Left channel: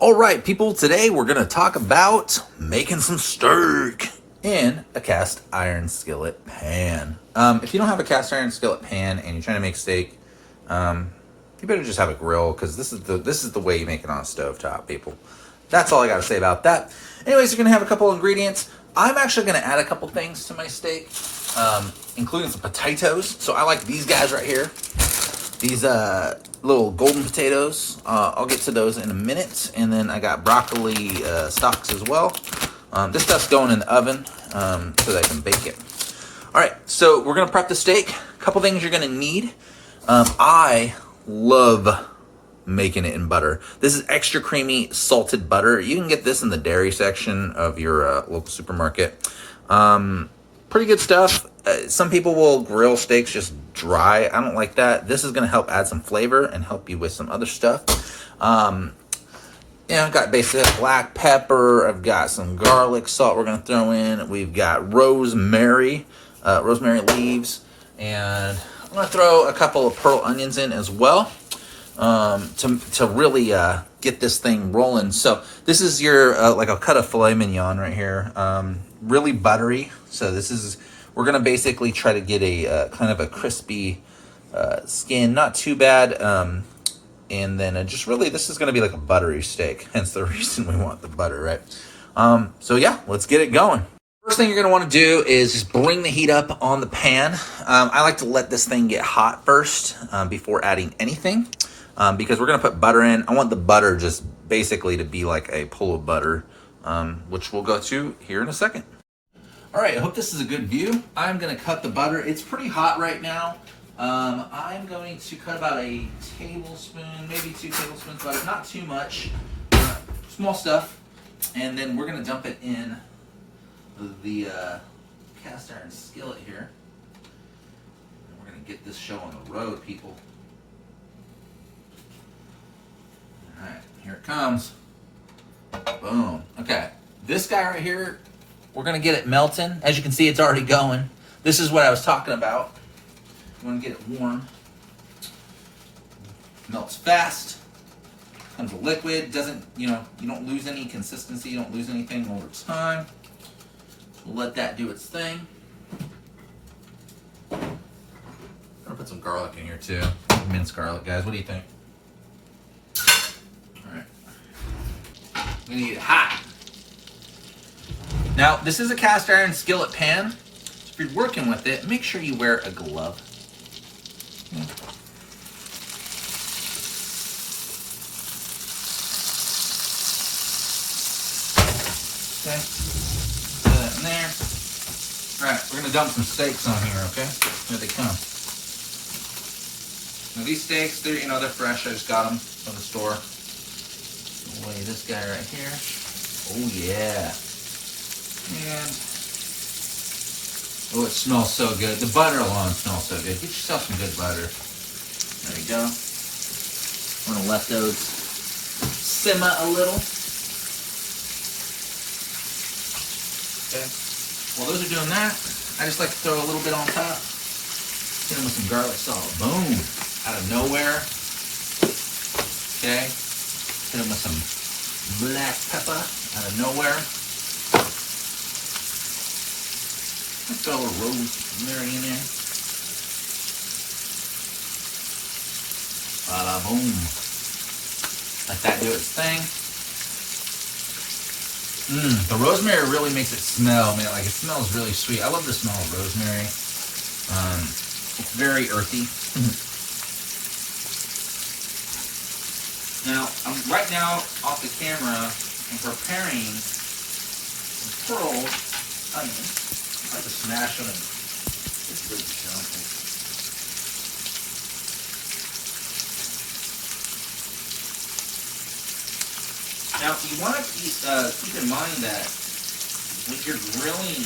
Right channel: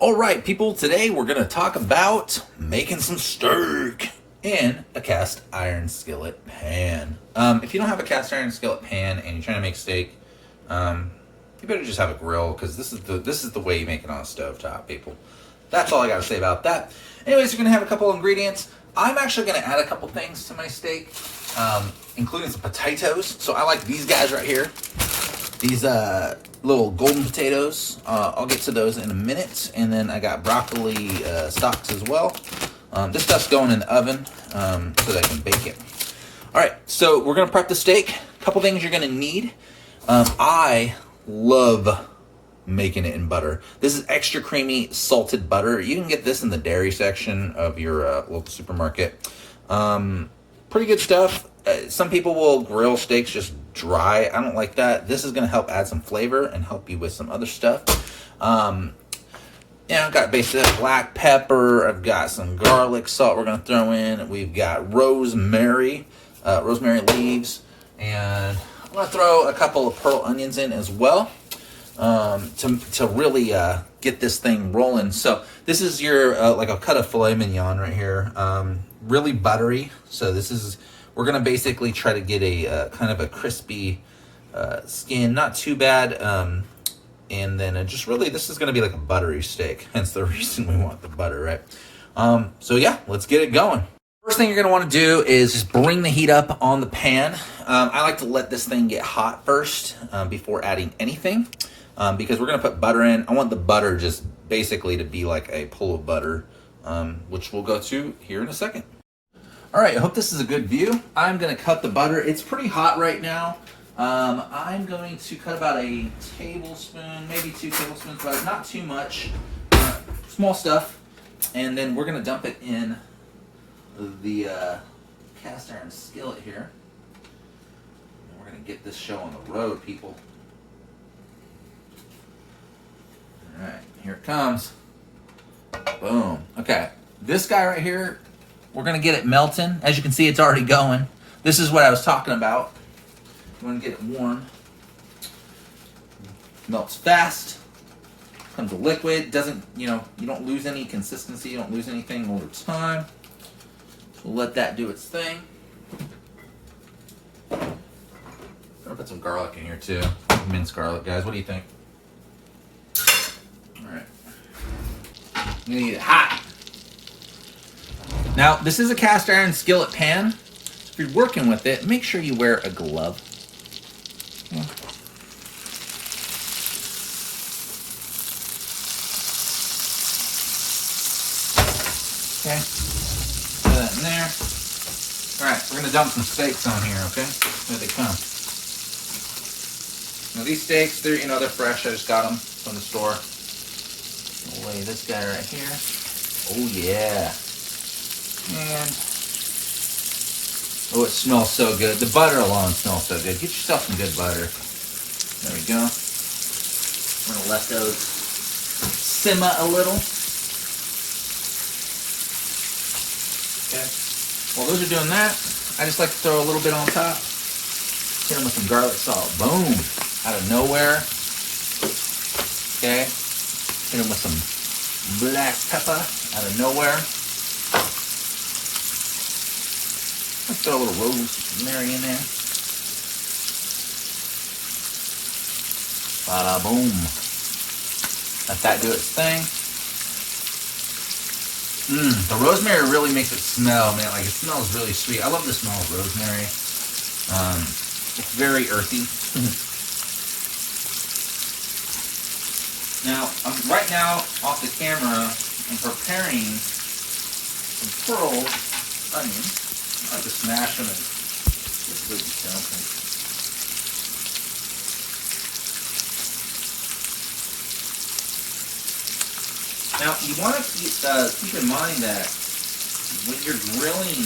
All right, people, today we're going to talk about making some steak in a cast iron skillet pan. If you don't have a cast iron skillet pan and you're trying to make steak, you better just have a grill, because this is the way you make it on a stovetop, people. That's all I got to say about that. Anyways, you're going to have a couple ingredients. I'm actually going to add a couple things to my steak, including some potatoes. So I like these guys right here. These little golden potatoes. I'll get to those in a minute. And then I got broccoli stalks as well. This stuff's going in the oven so that I can bake it. All right, so we're going to prep the steak. A couple things you're going to need. I love making it in butter. This is extra creamy salted butter. You can get this in the dairy section of your local supermarket. Pretty good stuff. Some people will grill steaks just dry. I don't like that. This is going to help add some flavor and help you with some other stuff. I've got basic black pepper. I've got some garlic salt we're going to throw in. We've got rosemary leaves. And I'm going to throw a couple of pearl onions in as well to really get this thing rolling. So this is your, like a cut of filet mignon right here. Really buttery. So we're going to basically try to get a kind of a crispy skin. Not too bad. And then just really, this is going to be like a buttery steak. Hence the reason we want the butter, right? So yeah, let's get it going. First thing you're going to want to do is just bring the heat up on the pan. I like to let this thing get hot first before adding anything, because we're going to put butter in. I want the butter just basically to be like a pull of butter, which we'll go to here in a second. All right, I hope this is a good view. I'm going to cut the butter. It's pretty hot right now. I'm going to cut about a tablespoon, maybe 2 tablespoons, but not too much. Small stuff. And then we're going to dump it in the cast iron skillet here. And we're going to get this show on the road, people. All right, here it comes. Boom. Okay, this guy right here, we're going to get it melting. As you can see, it's already going. This is what I was talking about. You want to get it warm. Melts fast. Becomes a liquid. Doesn't, you don't lose any consistency. You don't lose anything over time. We'll let that do its thing. I'm gonna put some garlic in here too. Minced garlic, guys. What do you think? All right. I'm gonna get it hot. Now, this is a cast iron skillet pan. So if you're working with it, make sure you wear a glove. Okay. Put that in there. Alright, we're going to dump some steaks on here, okay? There they come. Now these steaks, they're fresh. I just got them from the store. I'll lay this guy right here. Oh yeah. And oh, it smells so good. The butter alone smells so good. Get yourself some good butter. There we go. I'm going to let those simmer a little. Okay. While those are doing that, I just like to throw a little bit on top. Hit them with some garlic salt. Boom. Out of nowhere. Okay. Hit them with some black pepper. Out of nowhere. Let's throw a little rosemary in there. Bada boom. Let that do its thing. The rosemary really makes it smell, man. Like, it smells really sweet. I love the smell of rosemary. It's very earthy. Now, I'm right now off the camera and preparing some pearl onions. I have to smash them and get good stuff. Now, you want to keep in mind that when you're grilling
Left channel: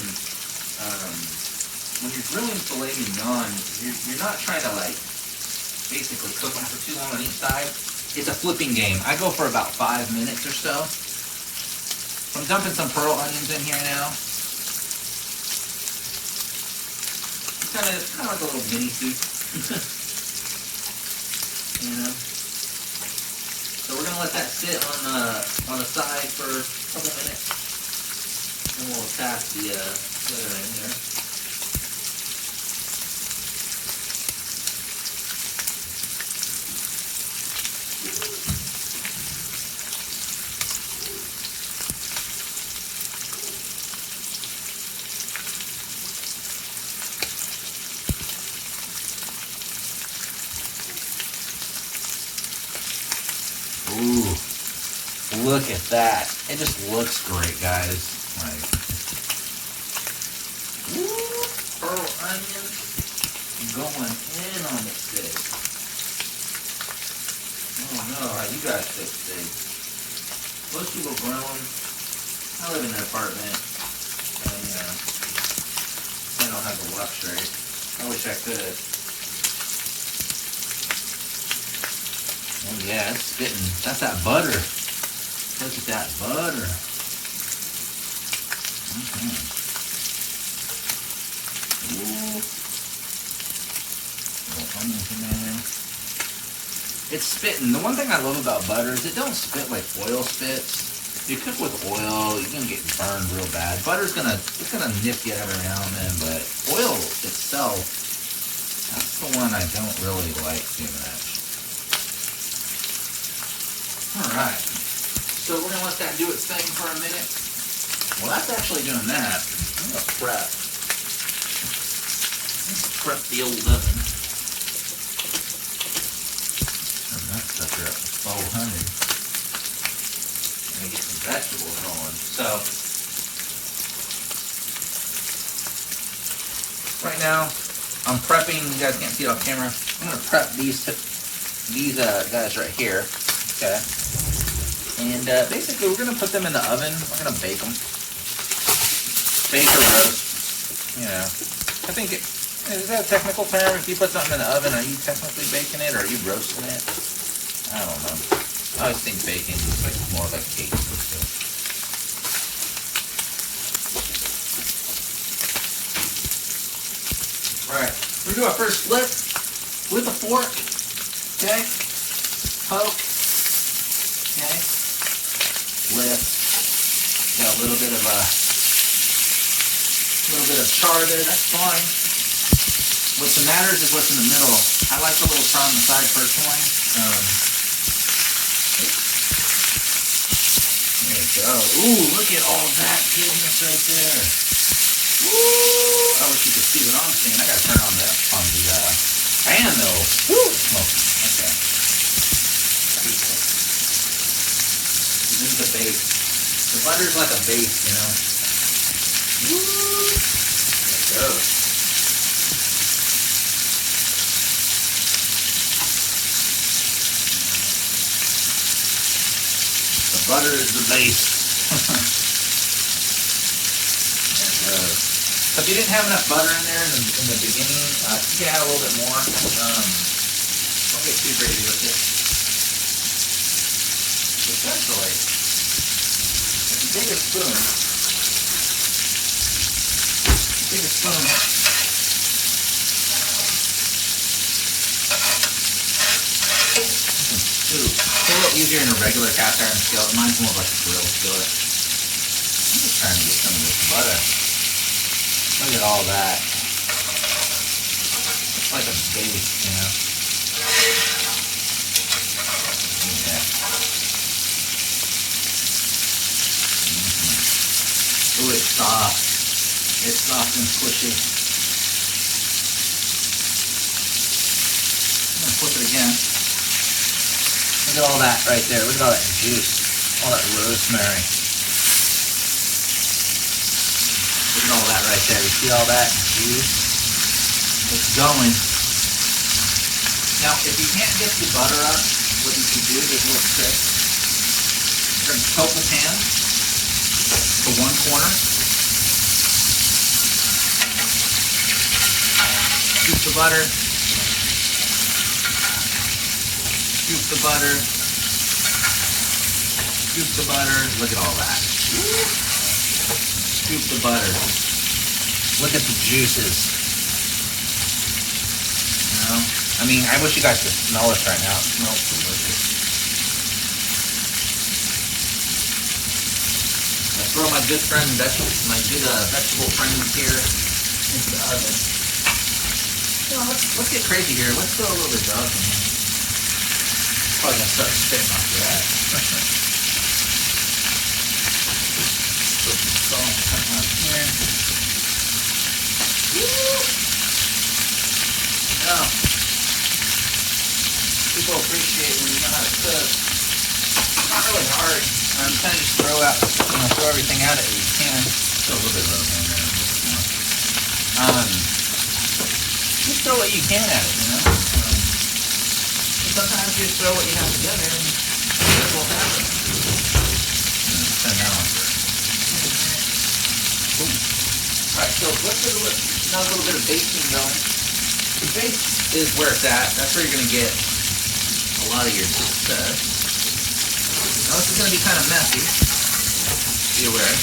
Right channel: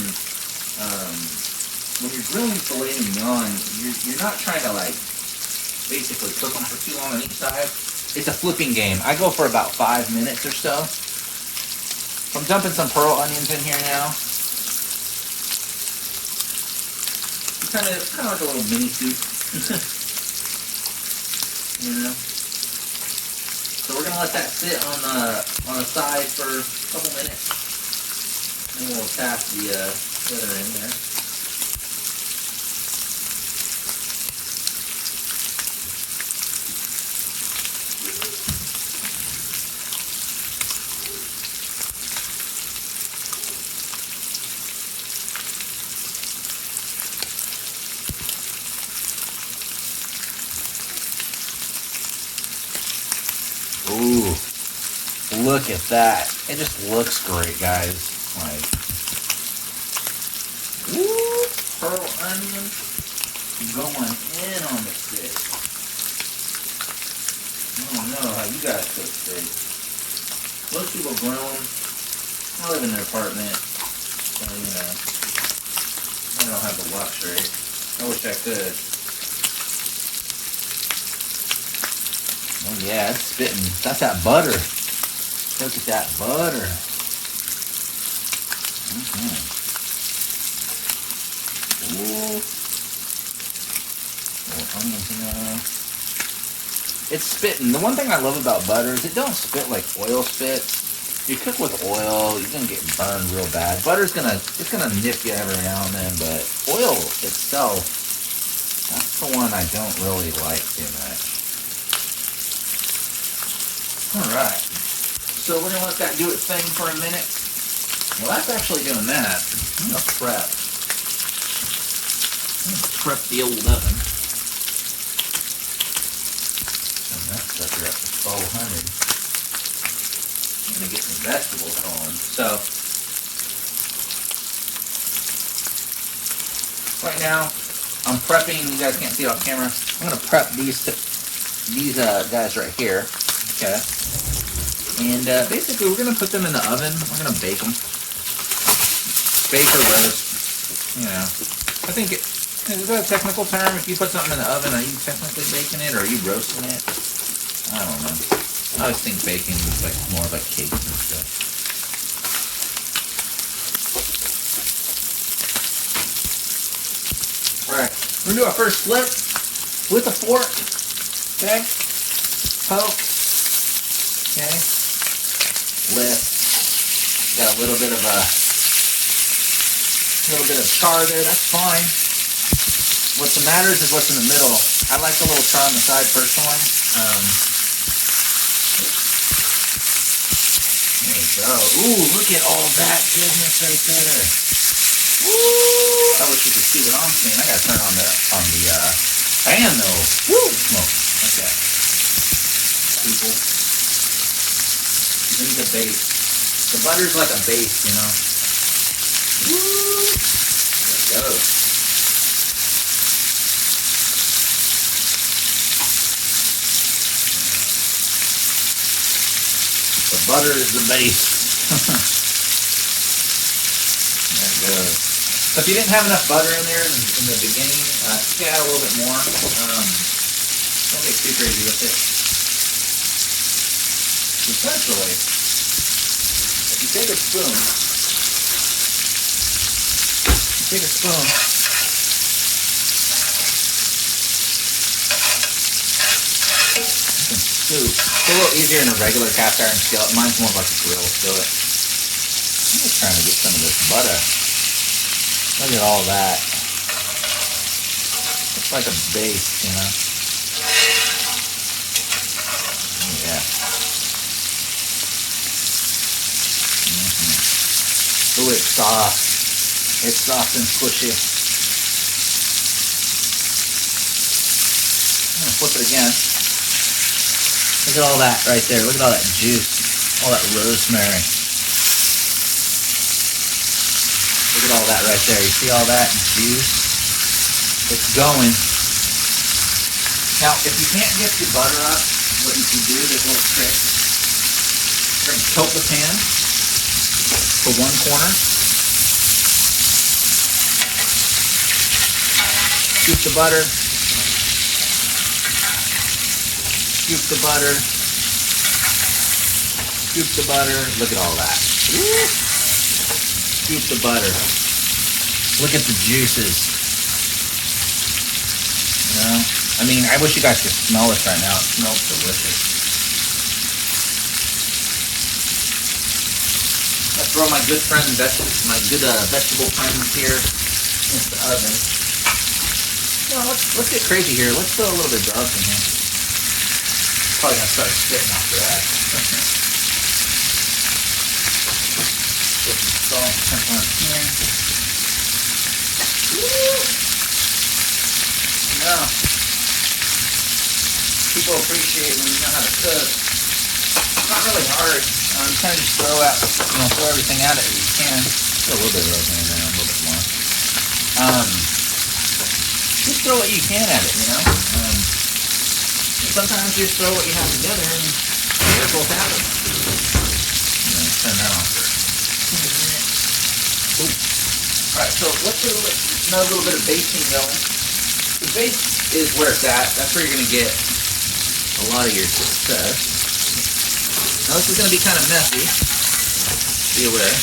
filet mignon, you're not trying to basically cook them for too long on each side. It's a flipping game. I go for about 5 minutes or so. So I'm dumping some pearl onions in here now. It's kind of like a little mini soup. You know. So we're gonna let that sit on the side for a couple minutes, and we'll tap the litter in here. Ooh, look at that. It just looks great, guys. Like, ooh, pearl onion going in on the steak. I don't know how you guys cook steak. Most people grill them. I live in an apartment, so, you know, I don't have the luxury. I wish I could. Oh yeah, it's spitting. That's that butter. Look at that butter. Okay. Ooh. It's spitting. The one thing I love about butter is it don't spit like oil spits. If you cook with oil, you're gonna get burned real bad. Butter's gonna nip you every now and then, but oil itself, that's the one I don't really like too much. Alright, so we're going to let that do its thing for a minute. Well, that's actually doing that. I'm going to prep. Prep the old oven. Turn that sucker up to 1200. I'm going to get some vegetables going. So, right now, I'm prepping. You guys can't see it off camera. I'm going to prep these guys right here. Okay. And basically, we're going to put them in the oven. We're going to bake them. Bake or roast. You know. I think is that a technical term? If you put something in the oven, are you technically baking it or are you roasting it? I don't know. I always think baking is like more like cake and stuff. Alright. We're going to do our first flip with a fork. Okay. Poke. Okay. Lift. Got a little bit of char there. That's fine. What matters is what's in the middle. I like a little char on the side personally. There we go. Ooh, look at all that goodness right there. Ooh, I wish you could see what I'm seeing. I gotta turn on the fan though. Woo, smoke. Okay. People. This is the base. The butter's like a base, you know. Woo! There it goes. The butter is the base. There it goes. So if you didn't have enough butter in there in the beginning, you can add a little bit more. Don't get too crazy with it. Essentially, if you take a spoon, soup. It's a little easier in a regular cast iron skillet. Mine's more like a grill skillet. I'm just trying to get some of this butter. Look at all that. It's like a base, you know. Look at that. Ooh, it's soft. It's soft and squishy. I'm gonna flip it again. Look at all that right there. Look at all that juice. All that rosemary. Look at all that right there. You see all that juice? It's going. Now, if you can't get the butter up, what you can do, there's a little trick. You're going to tilt the pan to one corner. Scoop the butter. Scoop the butter. Scoop the butter. Look at all that. Woo. Scoop the butter. Look at the juices. You know? I mean, I wish you guys could smell this right now. It smells delicious. throw my good vegetable friends here into the oven. So let's get crazy here. Let's throw a little bit of garlic in here. Probably gonna start spitting after that. Put some salt on here. Woo! Now, people appreciate when you know how to cook. It's not really hard. You kind of just throw everything out at you. You can. Throw a little bit of rosemary in there, a little bit more. Just throw what you can at it, you know. Sometimes you just throw what you have for dinner and that's what's happening. Turn that on first. Alright, so let's do another little bit of basting going. The base is where it's at. That's where you're going to get a lot of your success. Now this is going to be kind of messy. Be aware.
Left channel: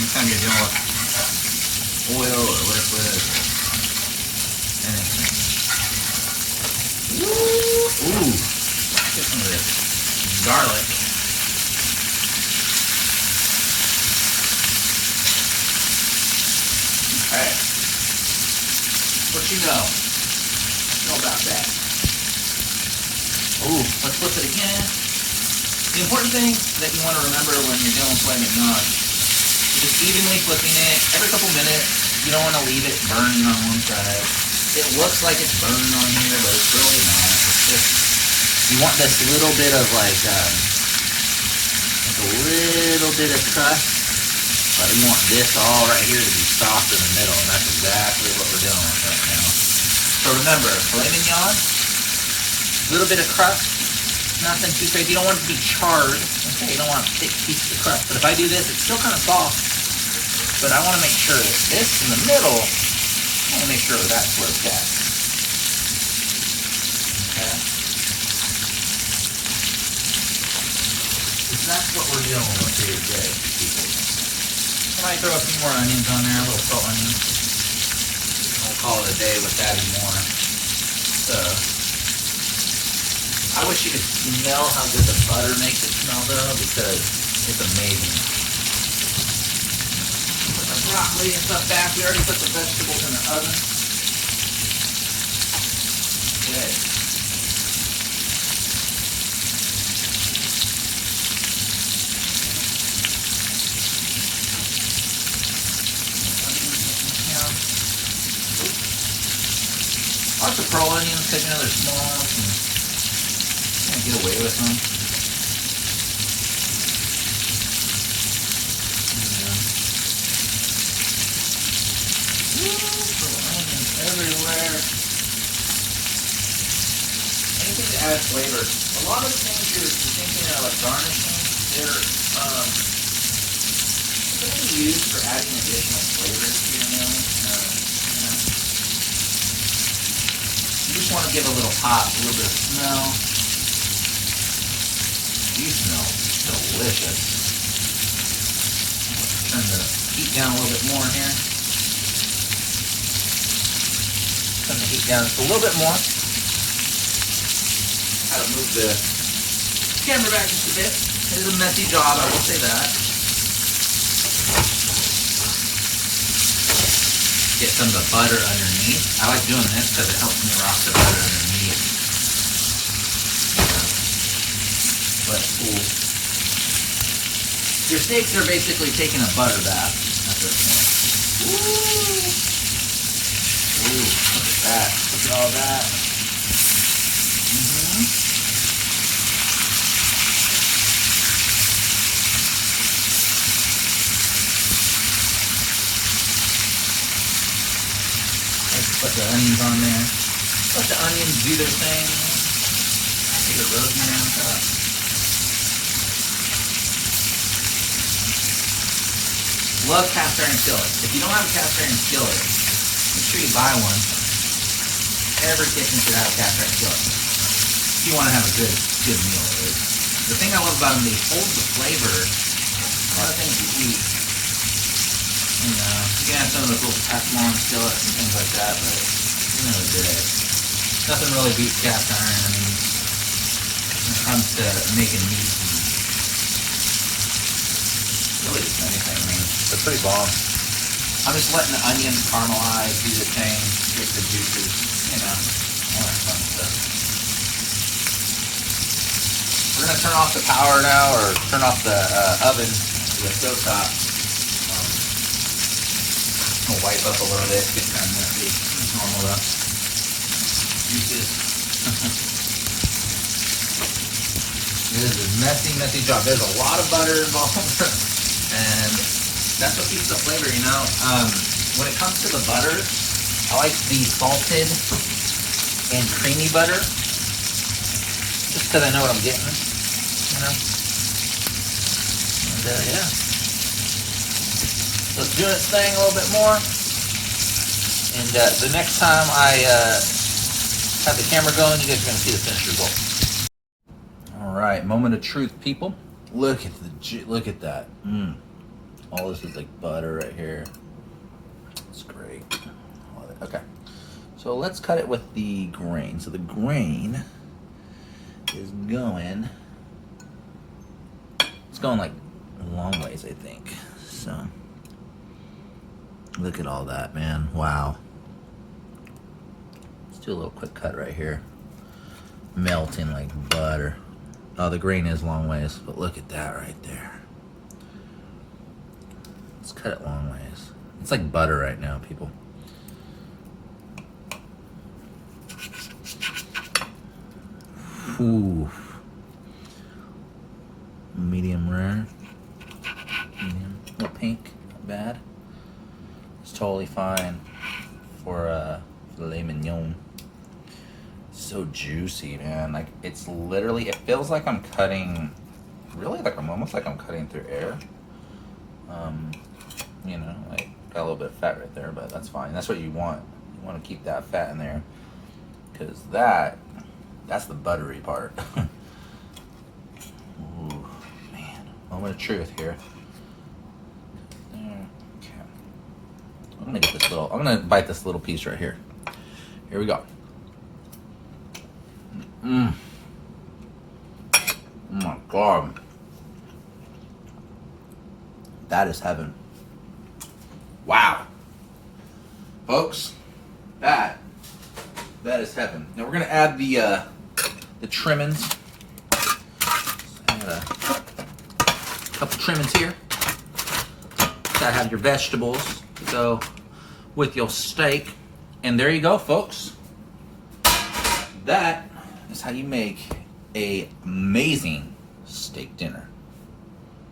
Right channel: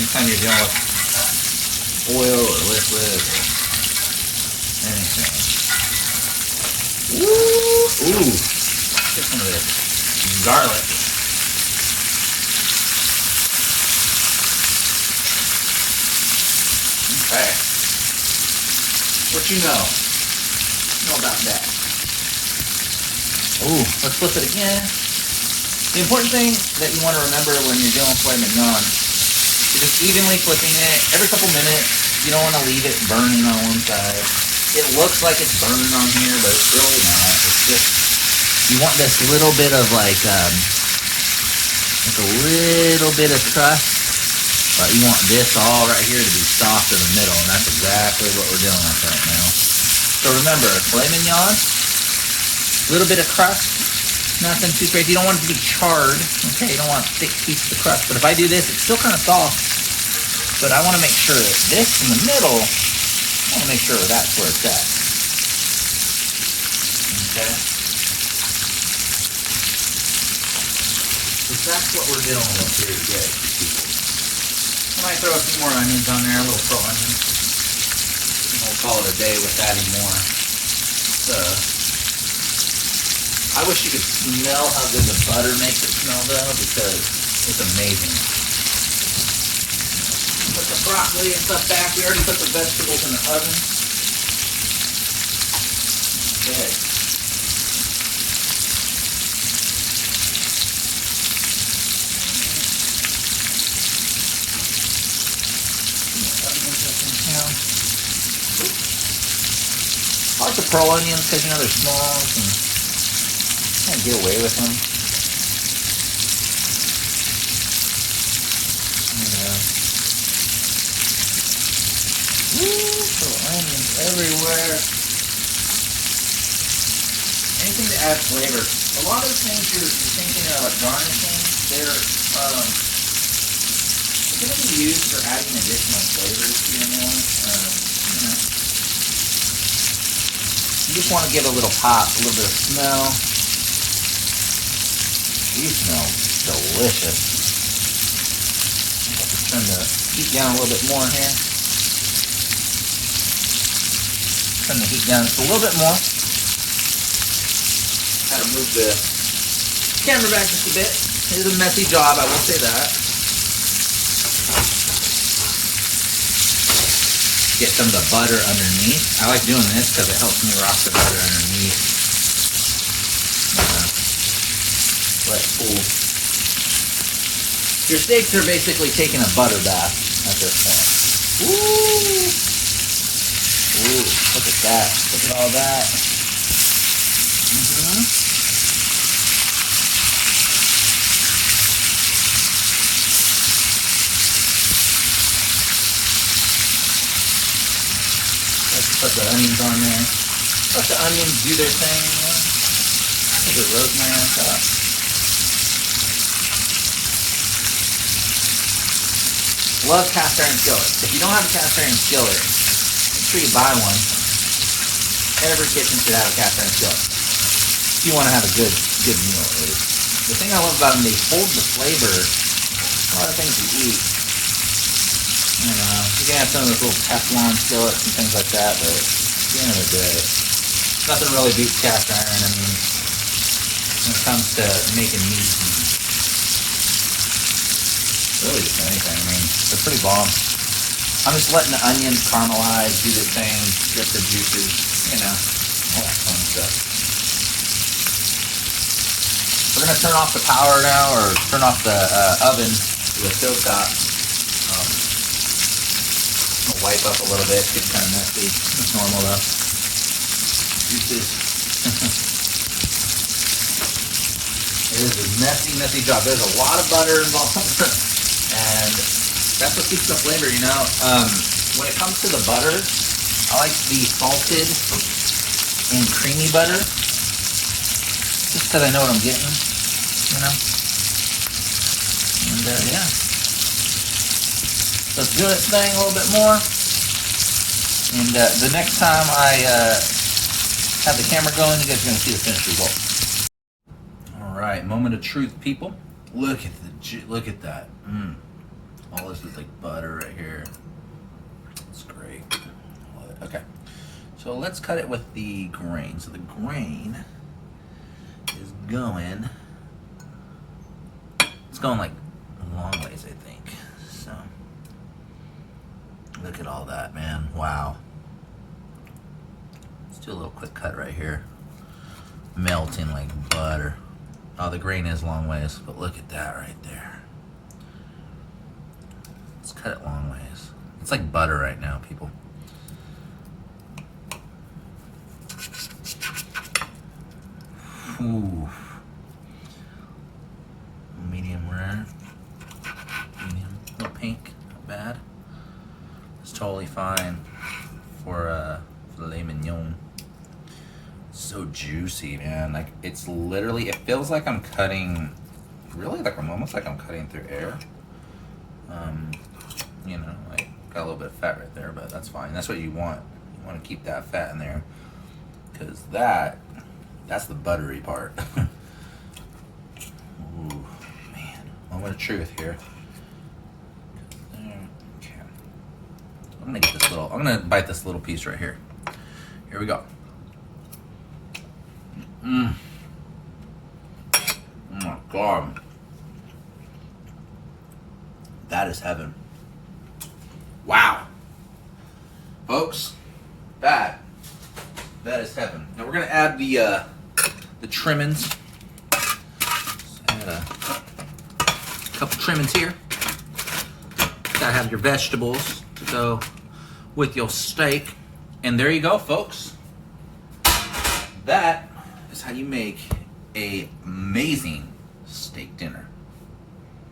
Anytime you're dealing with oil or liquid or anything. Ooh! Get some of this garlic. Okay. What you know? How about that? Ooh, let's flip it again. The important thing that you want to remember when you're doing filet mignon is just evenly flipping it every couple minutes. You don't want to leave it burning on one side. It looks like it's burning on here, but it's really not. It's just, you want this little bit of like a little bit of crust. But you want this all right here to be soft in the middle, and that's exactly what we're doing right now. So remember, filet mignon, a little bit of crust, nothing too crazy. You don't want it to be charred, okay? You don't want a thick piece of crust. But if I do this, it's still kind of soft. But I want to make sure that this in the middle, I want to make sure that's where it's at. Okay? Because that's what we're dealing with here today, people. I might throw a few more onions on there, a little salt onions. We'll call it a day with adding more. I wish you could smell how good the butter makes it smell though, because it's amazing. Put the broccoli and stuff back. We already put the vegetables in the oven. Okay. I like the pearl onions because, you know, they're small and you can't get away with them. Woo, pearl onions everywhere. Anything to add flavor. A lot of the things you're thinking of garnishing, they're going to be used for adding additional flavors to your meal. You just want to give a little pop, a little bit of smell. You smell delicious. Turn the heat down a little bit more here. Turn the heat down just a little bit more. Had to move the camera back just a bit. It was a messy job, I will say that. Get some of the butter underneath. I like doing this because it helps me rock the butter underneath. But ooh. Your steaks are basically taking a butter bath at this point. Ooh! Ooh, look at that. Look at all that. Put the onions on there. Let the onions do their thing. Put the rosemary on top. Love cast iron skillets. If you don't have a cast iron skillet, make sure you buy one. Every kitchen should have a cast iron skillet. If you want to have a good meal. The thing I love about them, they hold the flavor. A lot of things you eat. You can have some of those little Teflon skillets and things like that, but at the end of the day, nothing really beats cast iron. I mean, comes to making meat. Really just anything. I mean, they're pretty bomb. I'm just letting the onions caramelize, do the thing, get the juices, you know, all that fun stuff. We're gonna turn off the power now, or turn off the oven to a stovetop. I'll wipe up a little bit. It's getting kind of messy. It's normal though. Juices. This is a messy, messy job. There's a lot of butter involved, and that's what keeps the flavor, you know. When it comes to the butter, I like the salted and creamy butter, just because I know what I'm getting, you know. And yeah, so it's doing its thing a little bit more. And the next time I have the camera going, you guys are gonna see the finished result. All right, moment of truth, people. Look at that. All this is like butter right here. It's great. Love it. Okay, so let's cut it with the grain. So the grain is going. It's going like long ways, I think. So look at all that, man. Wow. Let's do a little quick cut right here. Melting like butter. Oh, the grain is long ways, but look at that right there. Let's cut it long ways. It's like butter right now, people. Ooh. Medium rare. Medium. A little pink. Not bad. It's totally fine for filet mignon. So juicy, man. Like, it's literally, it feels like I'm cutting, really like almost like I'm cutting through air. You know, like, got a little bit of fat right there, but that's fine. That's what you want. You want to keep that fat in there, because that's the buttery part. Ooh, man. Moment of truth here. Okay. I'm gonna bite this little piece right here. Here we go. Oh my God. That is heaven. Wow. Folks, that is heaven. Now we're gonna add the trimmings. Add a couple trimmings here. Gotta have your vegetables to go with your steak. And there you go, folks. That is how you make an amazing steak dinner.